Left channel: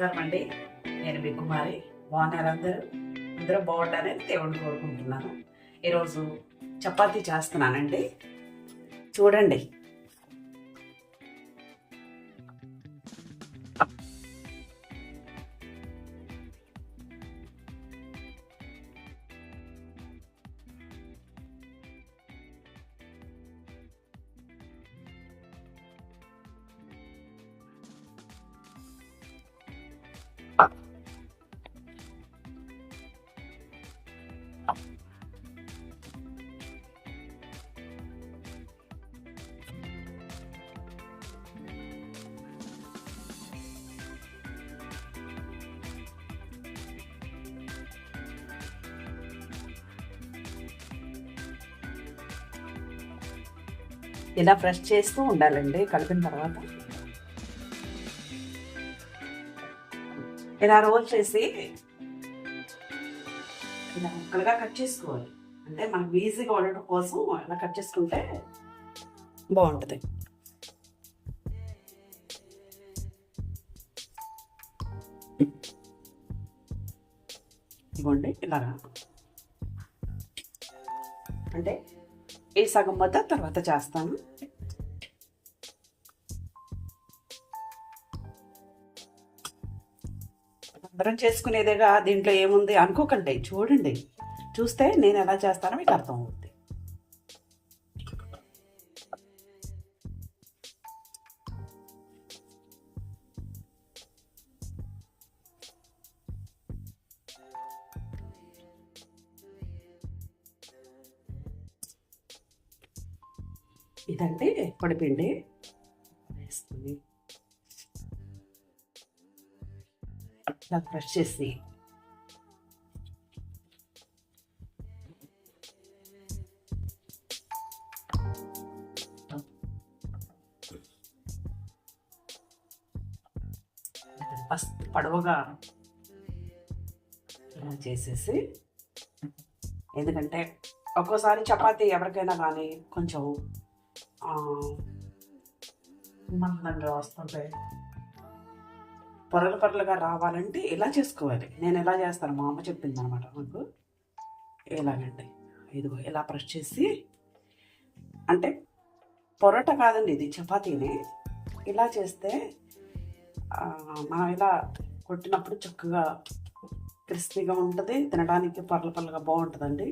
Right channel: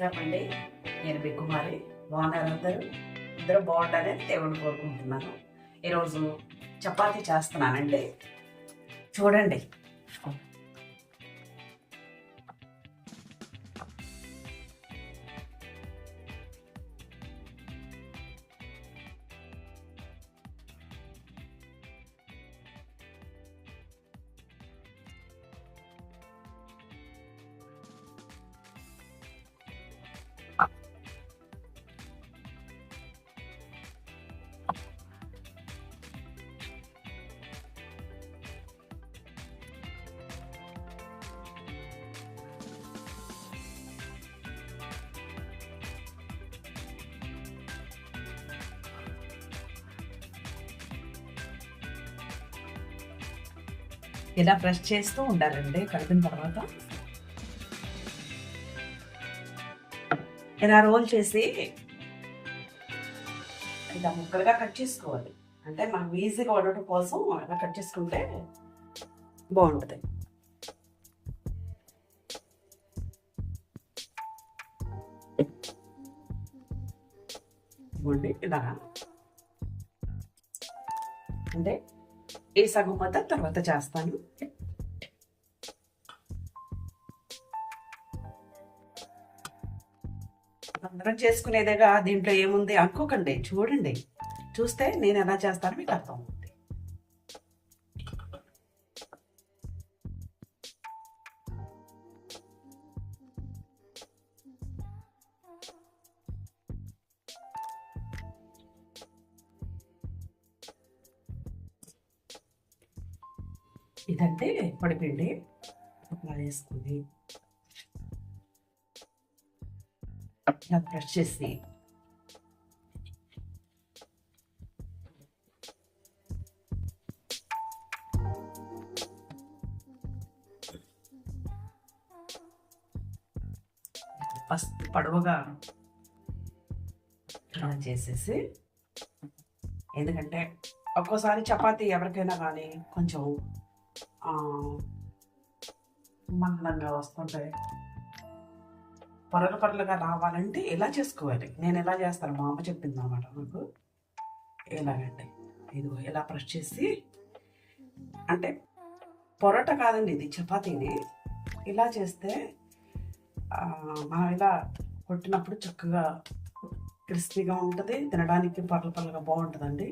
నమస్కారం అండి. నేను మీ కుమారి. బాగున్నారు అందరూ? అందరూ బాగుండాలని దేవుణ్ణి కోరుకుంటున్నాను. ఈరోజు చపాతీ చేస్తున్నానండి. చూడండి. ఇలా ప్రెస్ చేస్తూ ఉండాలండి. కలిపిన తర్వాత ఇలా రోల్ చేసి ఇలా ముక్కలుగా కట్ చేసుకోవాలి. అంటే మనకు ఈజీగా ఉండటం కోసం ఇలా కట్ చేసుకుంటే బాగుంటుంది. ఇవ్వండి ఇలాగా. అంటే ఈ సగం మొత్తం తర్వాత చేస్తాను. అందరం చేసుకునేదేగా, దీంట్లో ఏముంది అనుకోకండి. చూడండి, చూస్తే నేను ఎలా చేస్తానో మీకు అర్థం అవుతుంది. ఇదంటే పొడిపిండి అలా వేసుకుని ఇలా బ్రష్ చేసి ఫస్ట్ పొడవుగా చేసేసి, ఎందుకంటే ఒక్కోసారి చపాతీ ఎవరికైనా కానీ కొంచెం మందంగా వస్తుంటాయి. పొరలుగా రావాలంటే ఇలా చేసుకోవాలి. నేను ఎలా చేస్తాను, మా అమ్మ చెప్పింది అనమాట నాకు. ఎలాగండి, ఇదిగో ఇలా ప్రెస్ చేసి, అంటే పొరట కాదండి ఇది, చపాతీని ఇలా చేస్తే మనం ఇలా కొట్టినప్పుడు చక్కగా క్రిస్పీగా ఉంటుంది, తినడానికి పర్లగా బాగుంటుందండి.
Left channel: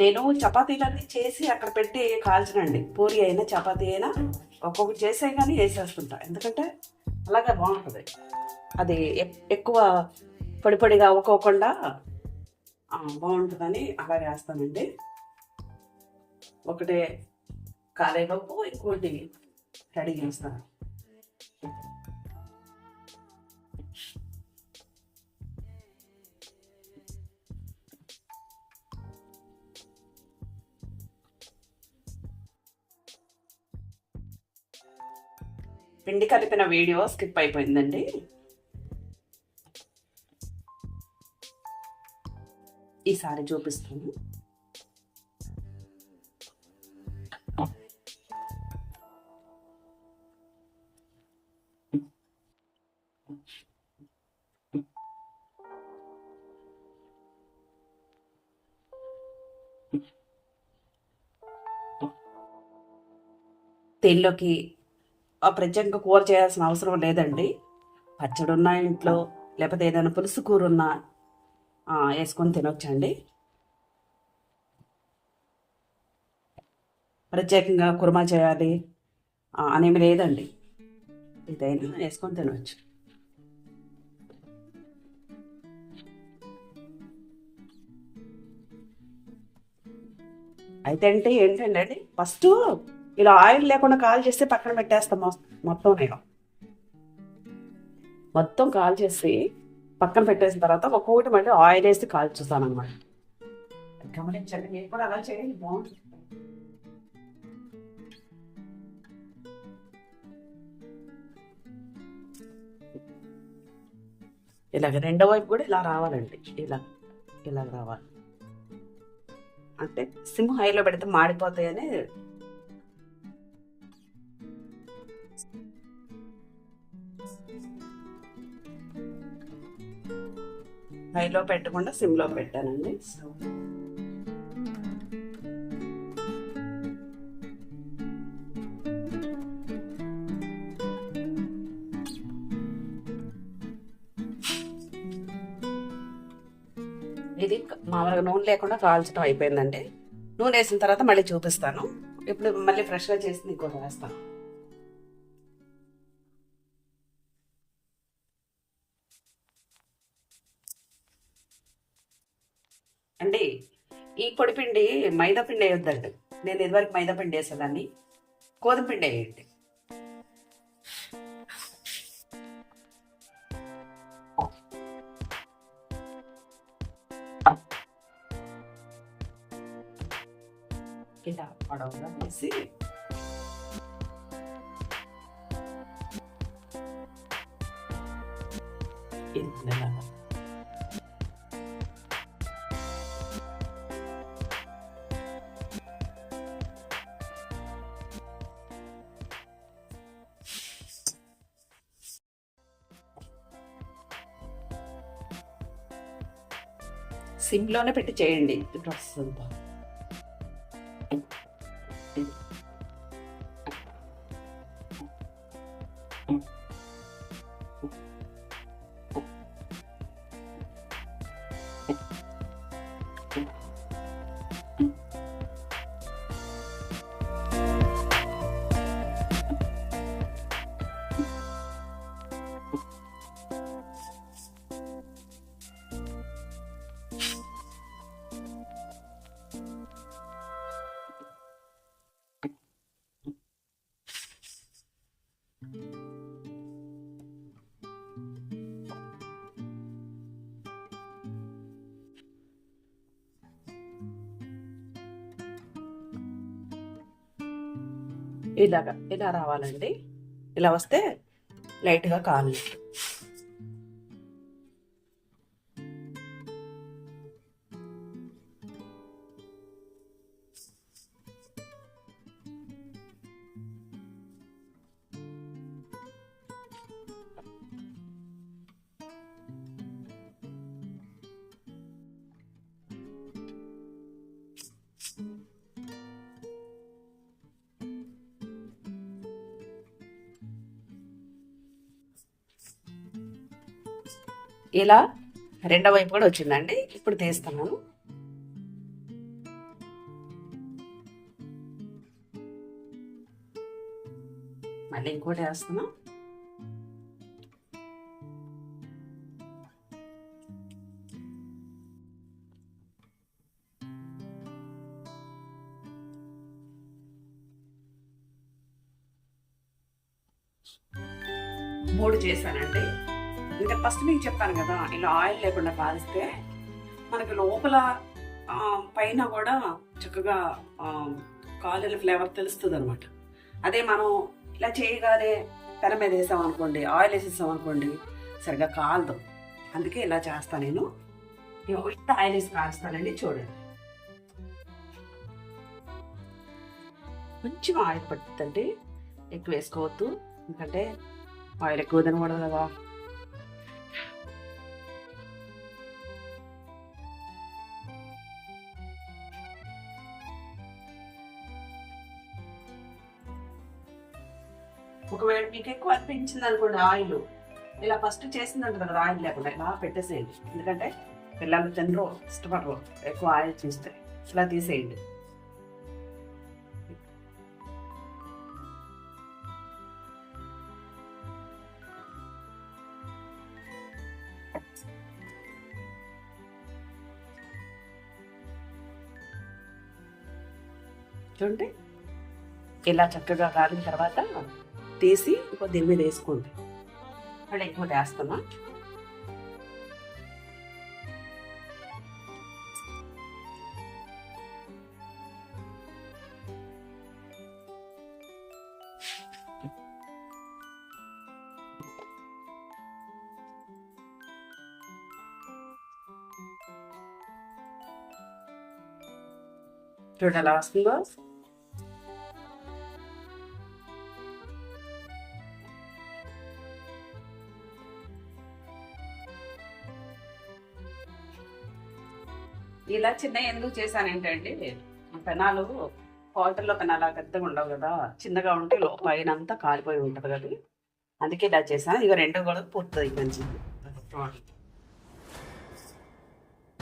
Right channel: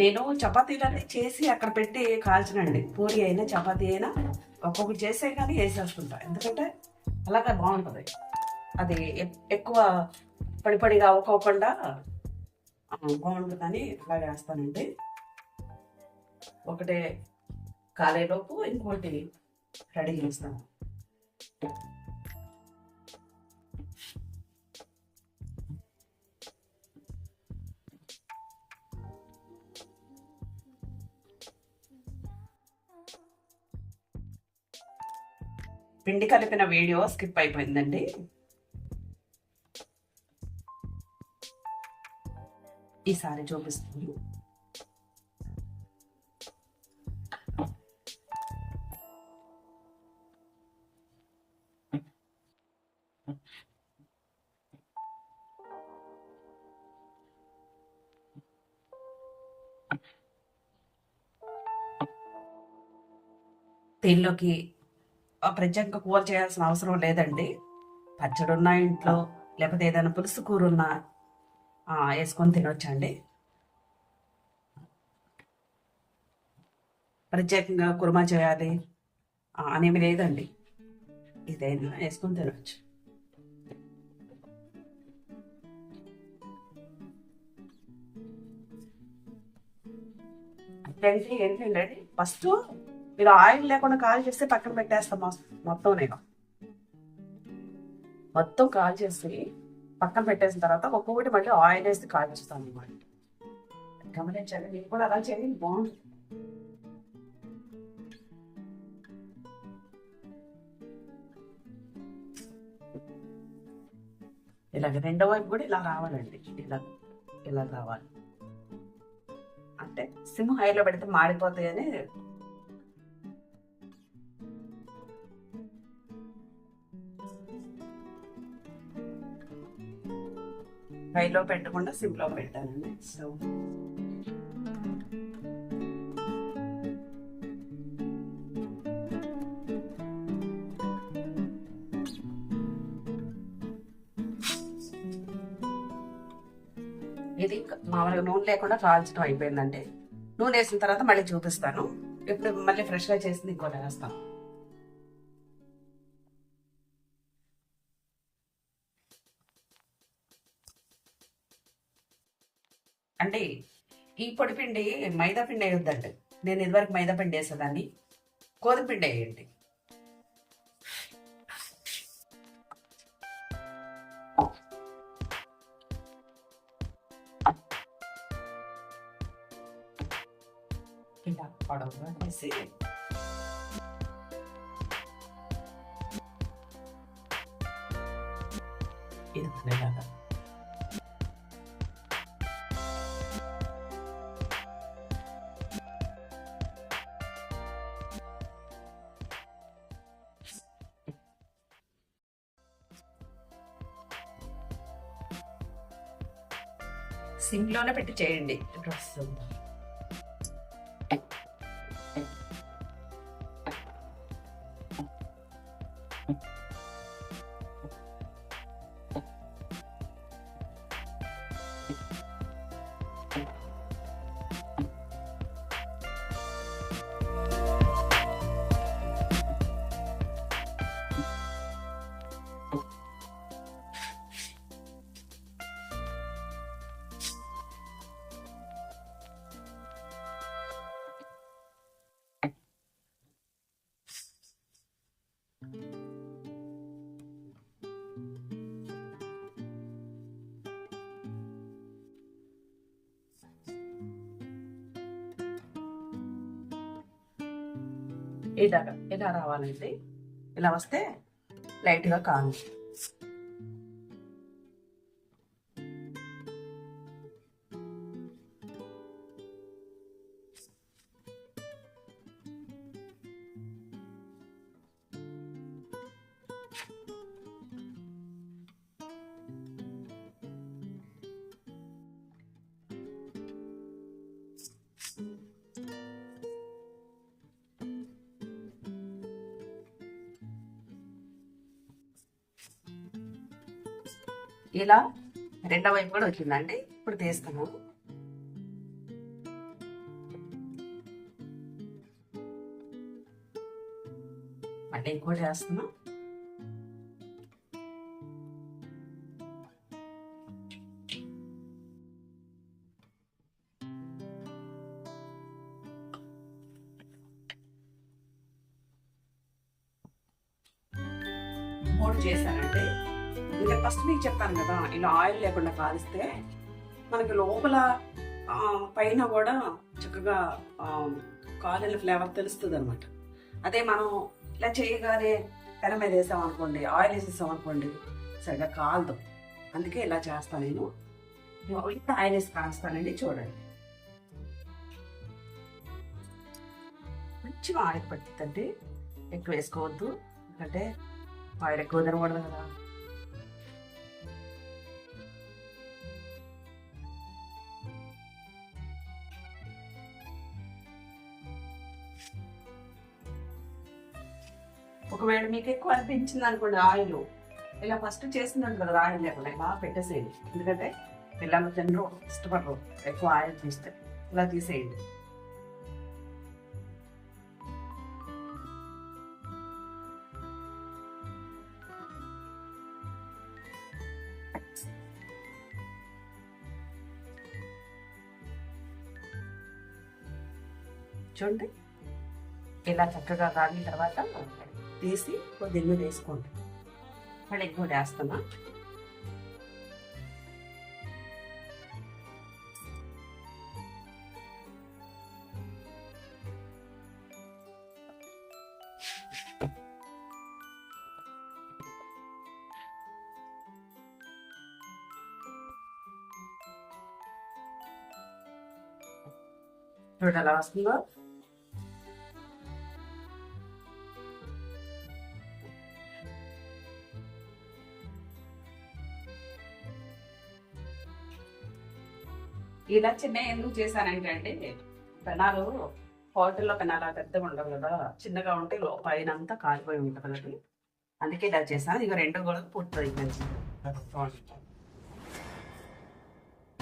నేను చపాతీలన్నీ చేసి అక్కడ పెట్టి కాల్చనండి. పూరి అయినా చపాతీ అయినా ఒక్కొక్కటి చేసే కానీ వేసేస్తుంటా, ఎందుకంటే అలాగే బాగుంటుంది. అది ఎక్కువ పొడిగా అవ్వకోకుండా బాగుంటుందని అలా వేస్తానండి. ఒకటే కాలేలోపు ఇంకోటి రెడీ చేస్తాను. పిండి కలిపిన వీడియో స్కిప్ అయిపోయిందండి. ఈసారి చూపిస్తాను. దీనిలోకి ప్రత్యేకంగా కూర చేయాల్సిన అవసరం లేదండి. పచ్చడి ఉన్న ఇంట్లో, లేకపోతే ఏదైనా పులుసు కూర ఉన్నా వేసుకొని తినొచ్చండి. ప్రత్యేకంగా కుర్మా చేయాలి అనేమి లేదండి. ఇదైనా వేసుకొని తినవచ్చు. అయితే ఏంటంటే ఫస్ట్ ఇలా ఆయిల్ లేకుండా కాల్ చేస్తే పక్కన పెట్టేస్తాం మొత్తం నేను మొత్తం కాల్ చేసి పక్కన పెట్టేసిన తర్వాత ఒక్కొక్కటి మళ్ళీ ఆయిల్ వేసి కాల్చుతాను అనమాట. గమనించండి, మీరు కూడా అలా చేయండి, బాగుంటుంది. ఇలాగ రెండో వైపు కూడా ఇలా రావాలండి, ఇలా ఇలా రావాలి. అంటే సిమ్ హైలో పెడితే మాడిపోతాయని హైలో పెట్టకుండా సిమ్లో పెట్టానండి. సో ఇది మామూలుగా నూనె లేకుండా కాల్చడం అయిపోయిందండి. నూనె వేసిన తర్వాత మళ్ళీ చూపిస్తాను. ఇప్పుడు మళ్ళీ ఫ్రెష్గా చేసి ఇంకోటి వేస్తాను. అండి, ఈ పొడి పిండి మైదా పిండి వేయొద్దండి. నేను ఇదివరకు మైదా పిండి వేసేదాన్ని, గోధుమ పిండి వేయండి. ఇలా పొడవుగా వేసి ఇలాగా సిమ్లోనే పెట్టి చేయండి ప్రాసెస్ అంతా. ఇలాగా ఇలా రావాలండి. ఇలా వస్తే లైట్గా కావాలి. ఇలా రెండో వైపు కూడా వచ్చిందండి. ఇప్పుడు తీస్తాను. మళ్ళీ ఇంకోటి వేస్తున్నాం. మూడు చేశానండి. ఇంకా ఫస్ట్ మీకు చెప్పాను కదా, ఇలా ఆయిల్ లేకుండా కాలిస్తే మనకి లోపల పైన కూడా చక్కగా కాలిన ఫ్లేవర్ తెలుస్తుంది అనమాట. అదే మనం ఇలా చేయగానే పెన మీద వేసామనుకోండి, ఆయిల్ వేసేసామనుకోండి, సరిగ్గా కాలదు. అందుకే ఇలా చేస్తాను నేను. ఇంత ఆయిల్ వేసి కాస్తానండి. చూడండి, కొంచెం ఆయిల్ పడుతుందండి, ఎక్కువ వేసుకోవద్దు, ఎందుకంటే ఆయిల్ ఎక్కువ తినకూడదు కదా. ఒకవేళ మీకు ఎక్కువ అనిపించింది అనుకోండి ఆయిల్, ఇలా ఫస్ట్ చేసిందంట కదా ఆయిల్ లేకుండా ఇలా పెట్టేసేయండి. ఎందుకంటే పిల్లలు తినరు, ఇష్టపడరు ఎక్కువ ఆయిల్ చూస్తే. ఇలా తీసేయండి. చూడండి, ఇలా చక్కగా కాలిన తర్వాత తీసి దీని మీద వేసుకోండి. మళ్ళీ ఎక్కువ వేస్తామా? చూడ ఎలా వస్తుందో. ఇలా చిన్న ఎందుకు చేశానంటే అండి, పెనాలు హోటల్లో పెనాలు పెద్దగా ఉండవు కదా, చిన్నగా ఉంటే పైన అంతా కాలిపోయి ఉంటుంది కదా, అందుకే ఇలా చేశాను. ఇక రెండో కూడా పూర్తుంది మంచి.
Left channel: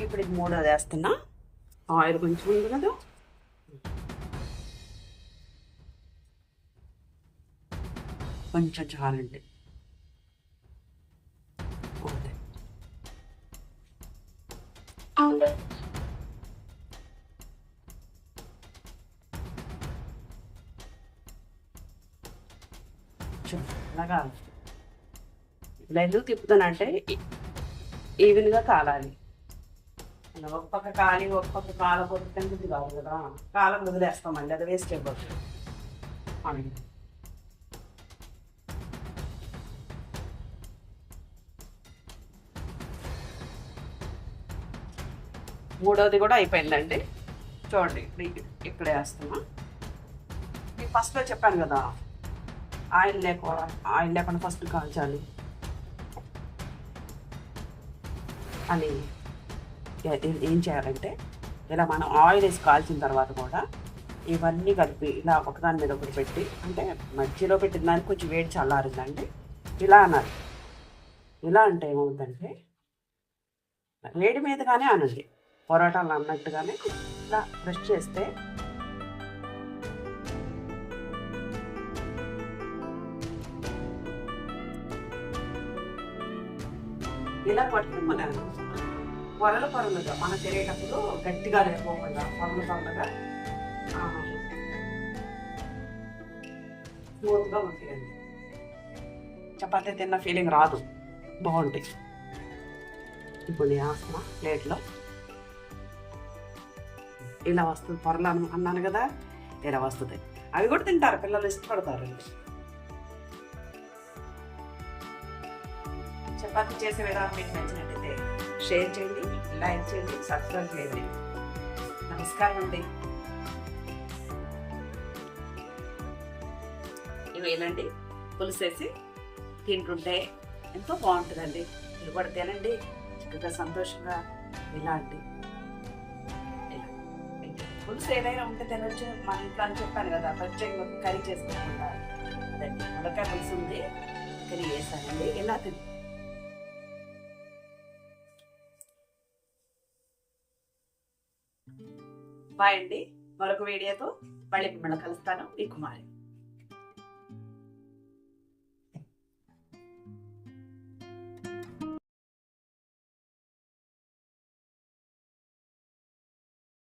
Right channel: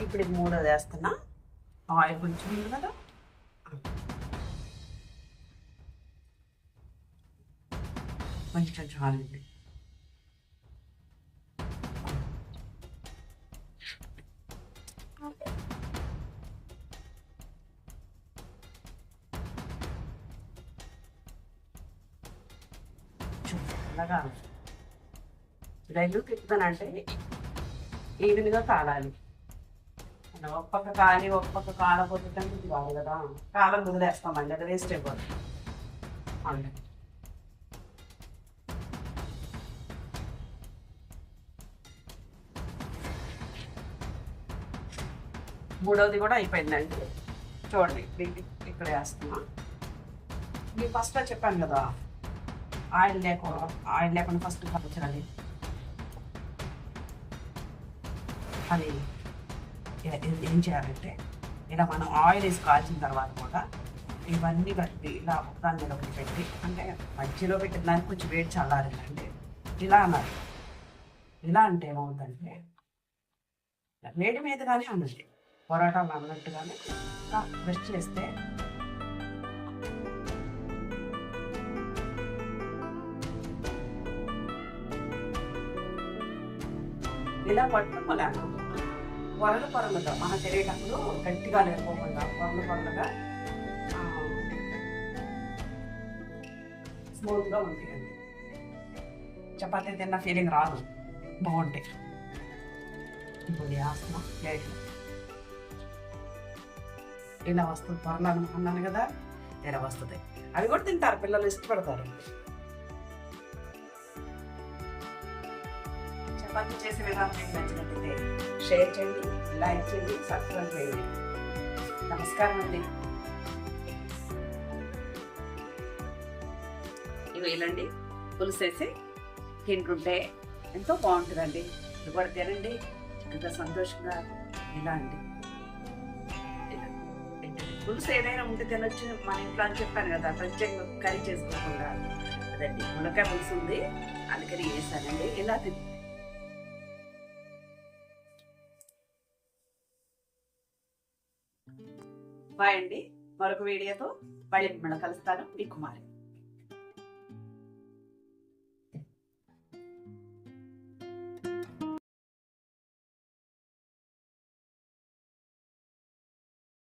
ఇప్పుడు ఇది మూడోది వేస్తున్నా. ఆయిల్ కొంచెం ఉంది కదా, కొంచెం చాలండి. అలాగా ఇలా ఎందుకు తిప్పుతానంటే ఈవెన్గా కాలాలి. ఒక పక్క కాలి ఒక పక్క కాలపోతే కానీ ఇది కాదు కదా, కాలం వదిలేస్తాం మళ్ళీ, అది వేస్ట్ అయిపోతుంది. మూడవది కూడా అయిపోయిందండి. చూడండి ఇప్పుడు వేస్తున్నా. మీకు ఫస్ట్లో చెప్పాను కదా, ఆయిల్ లేకుండా ఫస్ట్ కాల్చాలి అని. ఏం చేయాలంటే ఇలా మనం ఆయిల్ వేసి కాల్చిన తర్వాత కూడా ఇవన్నీ కలిపి ఇలా ఒకదాని మీద ఒకటి పెట్టి, అంటే మధ్యలో పెట్టిన దానికి కొంచెం వేడి చల్లారిందండి ఇలా అన్నారు. ఇలా అంటే ఏమవుతుందంటే వేడి మీదగానే అనండి, పొరాటాలు అన్నట్టుగానే ఇలా బ్రష్ చేస్తే ఇలా పట్టుకుని మళ్ళీ పొరలుగా మనం తిరిగేటప్పుడు గట్టిగా లేకపోకుండా పొరలుగా స్మూత్గా ఉంటాయండి. చపాతీ తిన్న ఫీలింగ్ రాదు, బాగుంటాయి. ఇప్పుడు వేస్తున్నా ప్లేట్లో. ఇలా వస్తుంది పొరలు అన్నాను కదా, ఇలా వస్తుంది. అవి కూడా తింటారు పిల్లలు, ఇష్టపడతారు. చపాతీ చేసే విధానం మీకు నచ్చినట్టయితే షేర్ చేయండి, లైక్ చేయండి, సబ్స్క్రైబ్ చేయండి. నమస్కారం అండి. ఇవేనండి పులుసేసి తింటుంటే ఎంతో బాగుంటుందండి. ఇది కూడా తినండి చక్కగా సంతోషంగా. ఇలా అండి, పులుసు ఏదైనా ఉంటే తినొచ్చు మన ఇంట్లో అని చెప్పాను కదా, ప్రత్యేకంగా కర్రీ చేసుకోకుండా. అదండి మునక్కాయ పులుసు ఉంది, అందుకని వేసానండి. ఇలా తిని బాయ్ అండి. మరొక వీడియోతో మళ్ళీ మిమ్మల్ని కలుస్తాను. మీ కుమారి.